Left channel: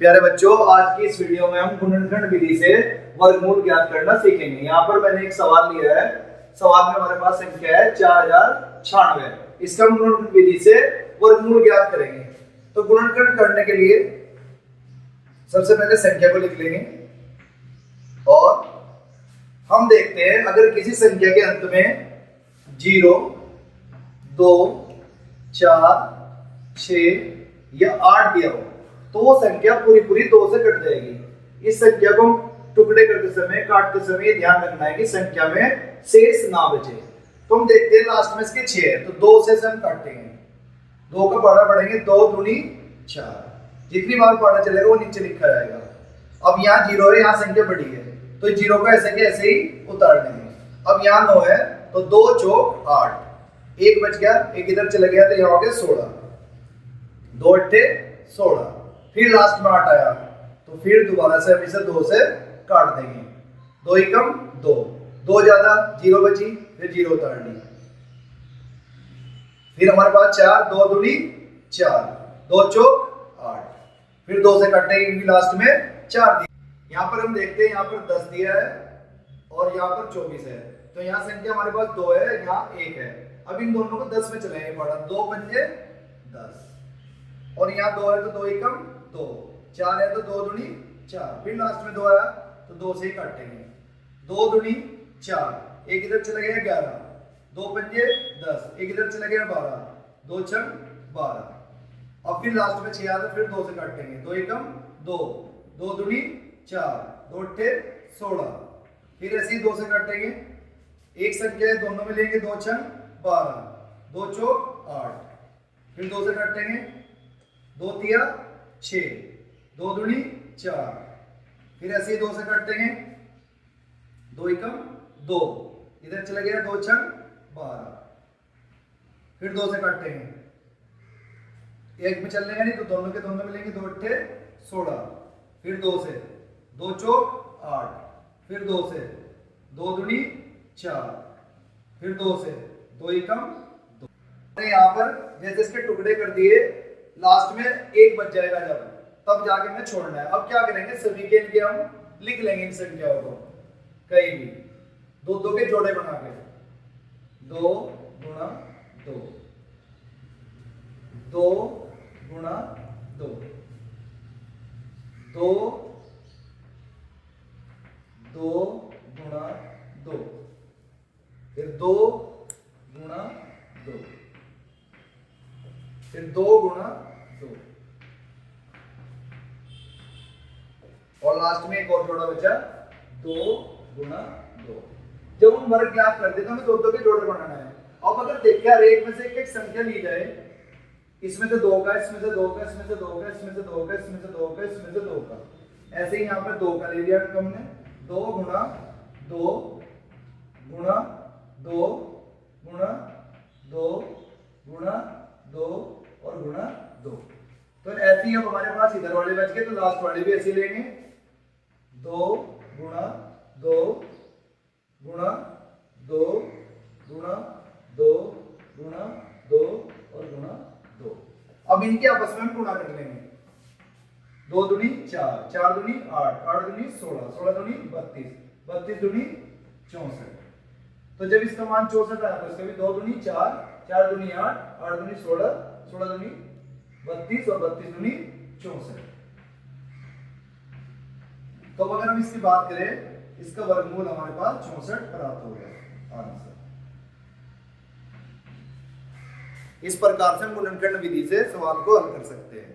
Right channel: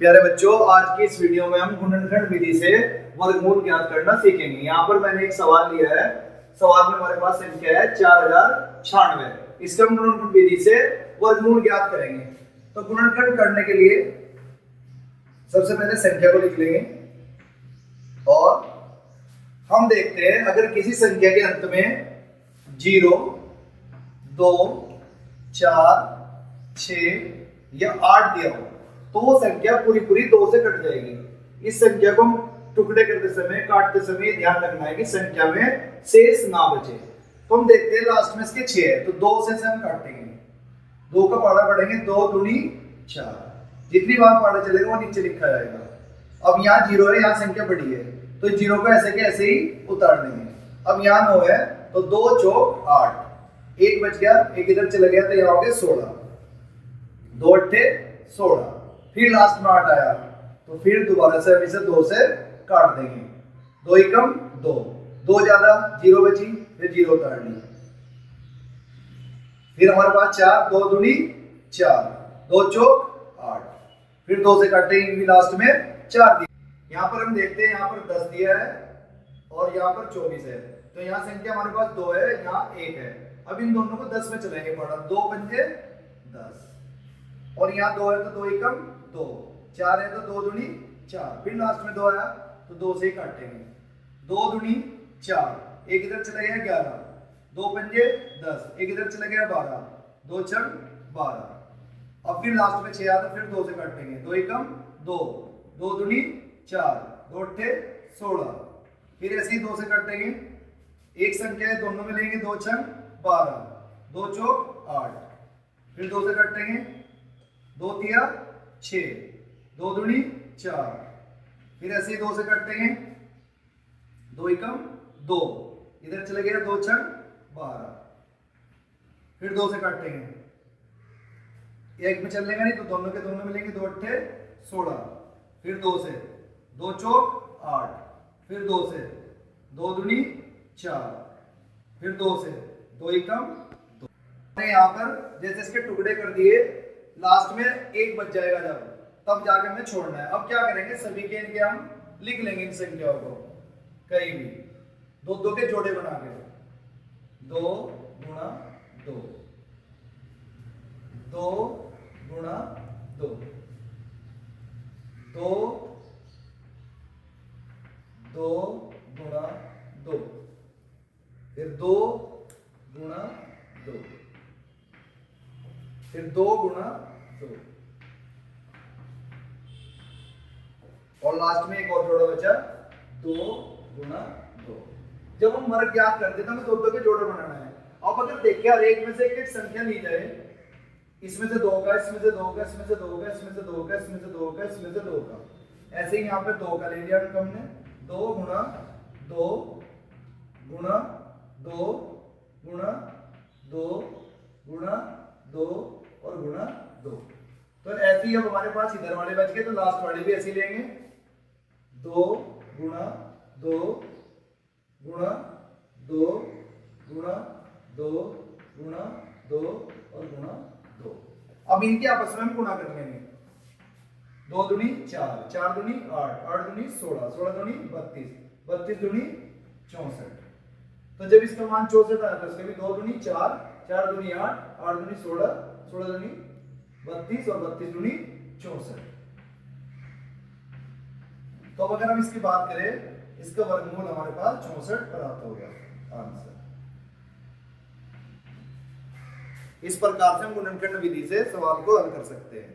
प्यारे बच्चों, आज की इस वीडियो में हम गुणनखंड विधि से वर्गमूल ज्ञात करना सीखेंगे। यहाँ पर मैंने एक सवाल लिया है। सवाल में हमारे पास संख्या है 4096। इसका हम गुणनखंड विधि से वर्गमूल ज्ञात करेंगे। तो गुणनखंड करने के लिए सबसे पहले संख्या को लिख लेंगे और हम देखते हैं अगर किसी संख्या के अंत में 0, 2, 4, 6 या 8 दिया हो तो वो संख्या पूरी 2 से कट जाएगी। इस संख्या को हम टुकड़े करते समय, काटते समय ध्यान रखना है कि संख्या में शेष ना बचे। तो हम देखते हैं लास्ट में इसके 6 है तो 2 से हम काटेंगे। 2 का पाड़ा पढ़ेंगे, 2 दूनी 4। जितनी बार पाड़ा चलेगा वो नीचे लिखा जाएगा। अब यहाँ 0 है, यहाँ संख्या बड़ी है तो 0 को ऐसे के ऐसे ही उतार लेंगे। अब यहाँ 9 है तो 2 चौक 8, 1 बच गया, 1 इधर चला गया तो यहाँ हो गया 16, 2 अट्ठे 16। फिर लास्ट में 8 आया तो फिर दोबारा से हम इसे 2 से काट देंगे। 2 एकम 2, 2 ज्यादा 0 बची, फिर 0 उतार ली। फिर हमारे पास 4, 2 दूनी 4, 2 चौक 8, फिर 2 से काटेंगे क्योंकि लास्ट में 4 दिया। यहाँ पर हम देखते हैं, यहाँ पर 10 दिया है और यहाँ पर 24 है तो यहाँ संख्या हमारे पास 2 है, यहाँ 1 है। अब इन दोनों को 10 में चलाएंगे पड़ा, 2 पंजे 10 और यहाँ 2 है तो 2 एकम 2, 4 है तो 2 दूनी 4, फिर लास्ट में 2 आया तो 2 से ही काटेंगे। 2 दूनी 4, 1 इधर चला गया 11, 2 पंजे 10, 1 इधर चला गया 12, 2 छंग 12। अब फिर लास्ट में 6 आया तो फिर 2 से काटेंगे। 2 एकम 2, 2 दूनी 4, 2 अट्ठे 16, फिर ऐसे ही 2 से काटेंगे। एक संख्या है दोनों में लेंगे, 2 छंग 12, 2 चौक 8, फिर 2 से काटेंगे। 2 तिया 6, 2 दूनी 4, फिर ऐसे ही 2 से काटेंगे। 2 एकम 2, इधर चला गया 2 छंग 12, फिर 2 से काटेंगे। एक में चल लेगा नहीं तो दोनों के दोनों में लेंगे, 2 अट्ठे 16, फिर 2 से, 2 चौक 8, फिर 2 से, 2 दूनी 4, फिर 2 से, 2 एकम 2। यहाँ पर जैसे इसके टुकड़े कर दिए, लास्ट में 1 बच जाएगा जब, तब जाके हमें छोड़ना है। अब क्या करेंगे, सभी के इनके हम लिख लेंगे इन संख्याओं को कहीं भी 2 के जोड़े बना के। 2 गुणा 2, 2 गुणा 2, 2 गुणा 2, फिर 2 गुणा 2, फिर 2 गुणा 2 और लास्ट में एक और जोड़ा बचा 2 गुणा 2। जब हम वर्ग ज्ञात करते हैं तो हमें 2 के जोड़े बनाना है। अब अगर देखिए हर एक में से एक संख्या ली जाए, इसमें से 2 का, इसमें से 2 का, इसमें से 2 का, इसमें से 2 का, इसमें से 2 का, इसमें से 2 का, ऐसे ही यहाँ पे 2 का ले लिया हमने। 2 गुणा 2 गुणा 2 गुणा 2 गुणा 2 और गुणा 2। तो ऐसे ही अब हमारे पास इधर वाले बच गए तो लास्ट वाले भी ऐसे लेंगे। 2 गुणा 2 गुणा 2 गुणा 2 गुणा 2 और गुणा 2। अब इनके आपस में हम गुणा कर लेंगे। 2 दूनी 4, 4 दूनी 8, 8 दूनी 16, 16 दूनी 32, 32 दूनी 64। तो जब इसका मान 64 आया तो इसका भी 2 दूनी 4, 4 दूनी 8, 8 दूनी 16, 16 दूनी 32 और 32 दूनी 64। तो अब अगर हम इसकी बात करें, इसका वर्गमूल हमारे पास 64 प्राप्त हो गया आंसर। इस प्रकार से हम गुणनखंड विधि से सवाल को हल कर सकते हैं।